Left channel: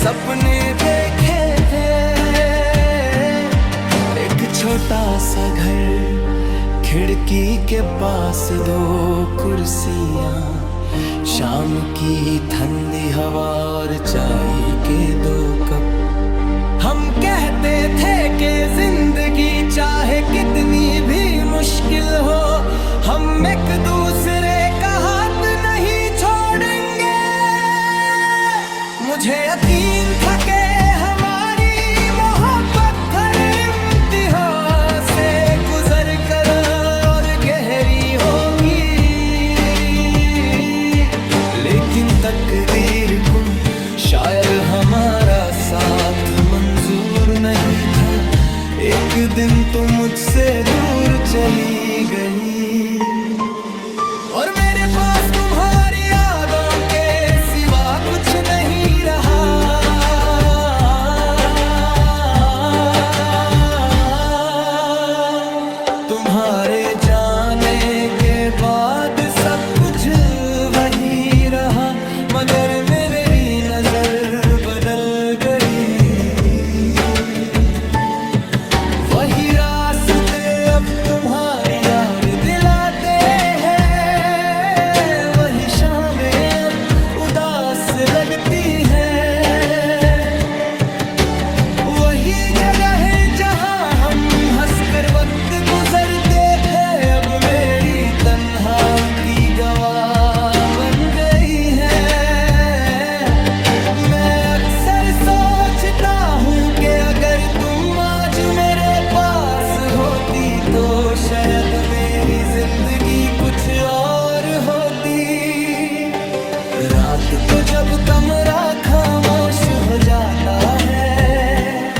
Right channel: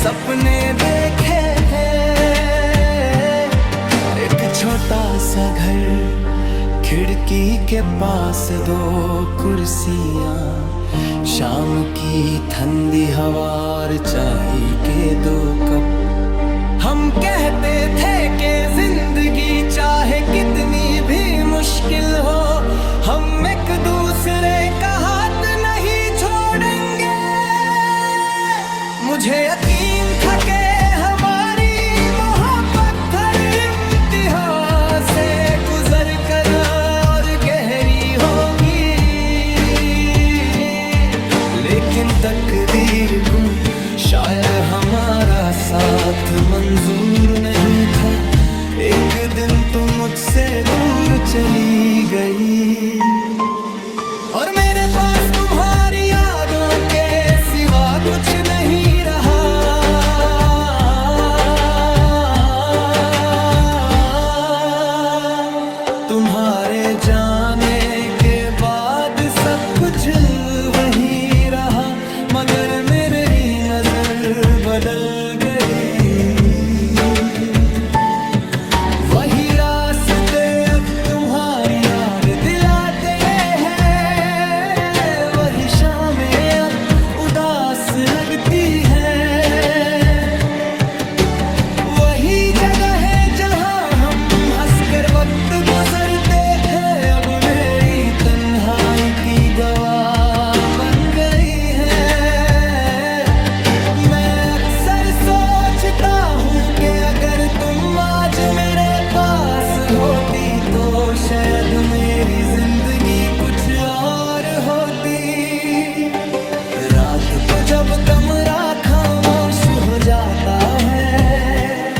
सपने देखे थे, एक छोटा सा घर, खिड़की के पास दो कुर्सियां, शाम की ठंडी हवा और चाय के 2 कप। हम कहते थे कि जिंदगी चाहे कितनी भी मुश्किल हो, हम एक दूसरे का हाथ नहीं छोड़ेंगे। मुझे यकीन था कि हमारी मोहब्बत हर इम्तिहान से गुजर कर और गहरी होगी, लेकिन तकदीर को शायद हमारा साथ मंजूर नहीं था। एक दिन तुम मुझसे दूर चली गई और मेरे पास तुम्हारी यादों के सिवा कुछ नहीं रहा। तुम्हारे जाने के बाद सब कुछ वही रहा, मगर मेरी नजर बदल गई। वही रास्ते अब तुम्हारी याद दिलाते हैं, वही शामें अब उदास लगती हैं। वही जगह है जहां हम हंसकर वक्त गुजरते हैं, अब मेरी तन्हाई की गवाह बन गई है। सोचता हूँ कि अगर तुम आज मेरे पास होती तो शायद मेरी जिंदगी कुछ और होती। रात को जब कमरा खामोश हो जाता है,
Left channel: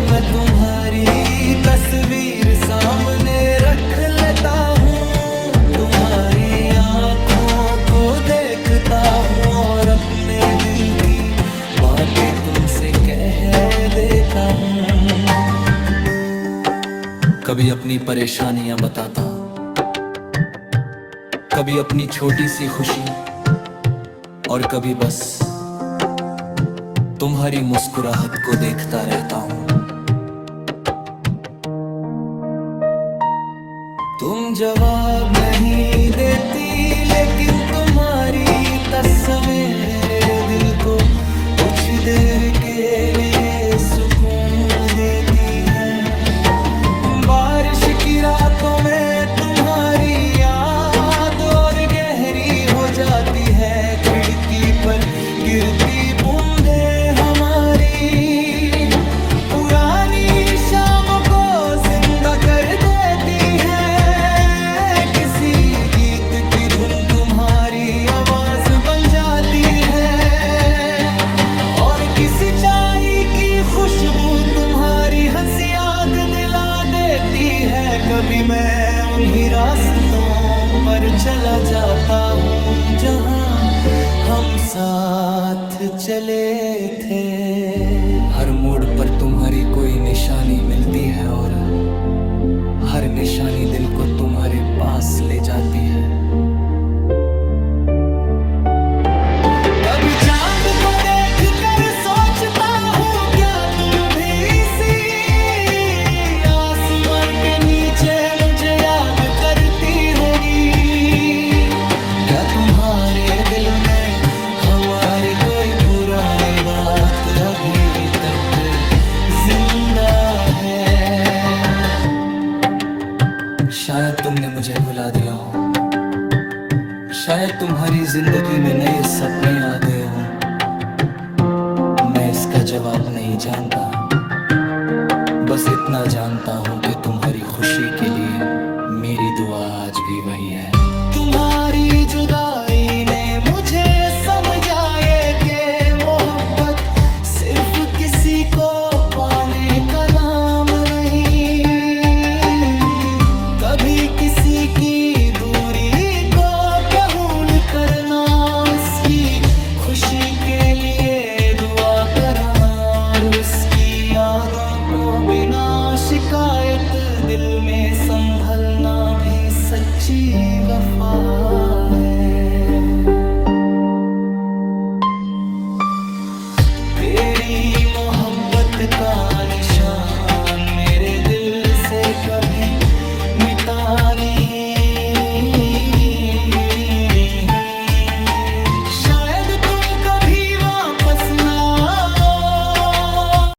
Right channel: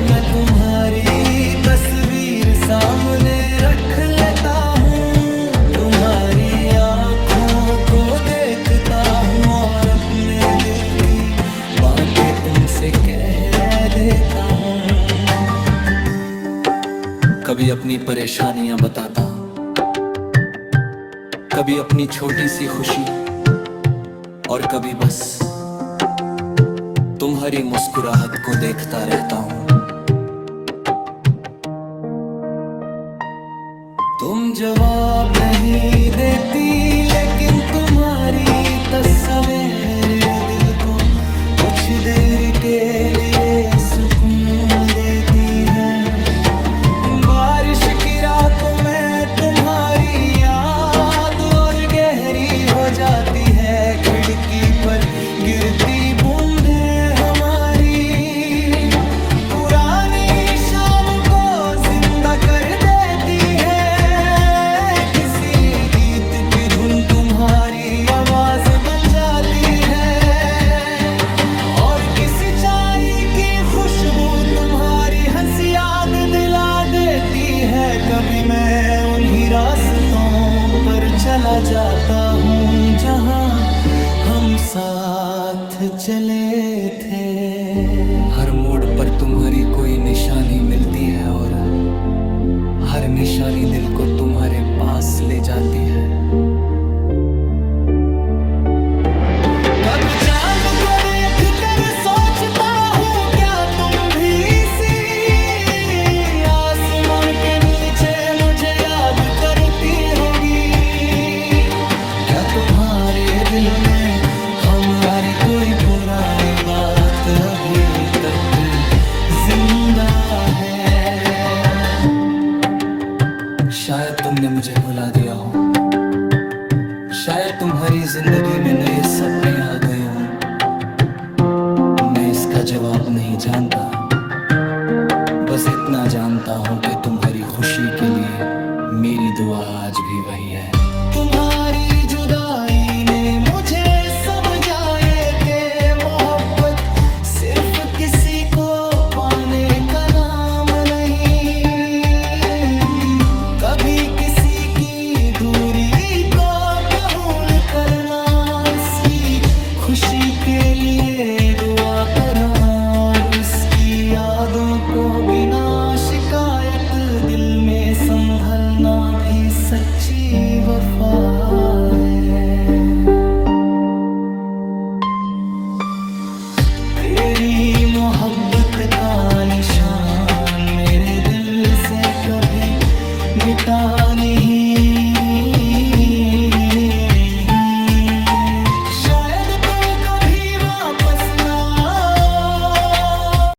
मैं तुम्हारी तस्वीर सामने रख लेता हूँ, तुम्हारी आँखों को देखता हूँ और अपने दिल की बातें तुमसे कह देता हूँ। कभी अपनी परेशानियां बताता, कभी अपनी छोटी सी खुशी, और कभी बस तुम्हारी मुस्कुराहट को देखता रहता हूँ। तुम जवाब नहीं देती, लेकिन तुम्हारी तस्वीर मेरे दिल को कुछ देर के लिए सुकून देती है। बारिश की रातों में तुम्हारी याद और गहरी हो जाती है, खिड़की पर गिरती बूंदें हमारी पुरानी शाम को जिंदा कर देती है। किसी गीत की धुन तुम्हारी आवाज बन जाती है, किसी चाय की खुशबू तुम्हारी हंसी याद दिला देती है। कभी मैं उन्हीं रास्तों पर चला जाता हूँ जहाँ हम साथ चले थे। हर मोड़ पर तुम्हारी कोई निशानी मिलती है और हर निशानी दिल को तुम्हारे पास ले जाती है। कभी चांद को देखकर सोचता हूँ, क्या तुम भी इसी आसमान के नीचे मुझे याद करती होगी? क्या तुम्हारे दिल में हमारी कोई पुरानी बात अभी तक जिंदा है? शायद तुमने मुझे भुला दिया हो, शायद तुम्हारी जिंदगी में नए सपने आ गए हों। मैं इसका जवाब नहीं जानता, बस इतना जानता हूँ कि तुम्हारी खुशी के लिए मेरी दुआ आज भी वही है। तुम्हारी जुदाई ने मुझे समझाए कि मोहब्बत सिर्फ किसी को पाने का नाम नहीं, कभी किसी की दूरी को कबूल करना, उसकी खुशी के लिए दुआ करना और उसकी यादों को बिना शिकायत दिल में संभलना भी सच्ची वफा है। मोहब्बत का निशान मेरे दिल से कभी मिटा नहीं।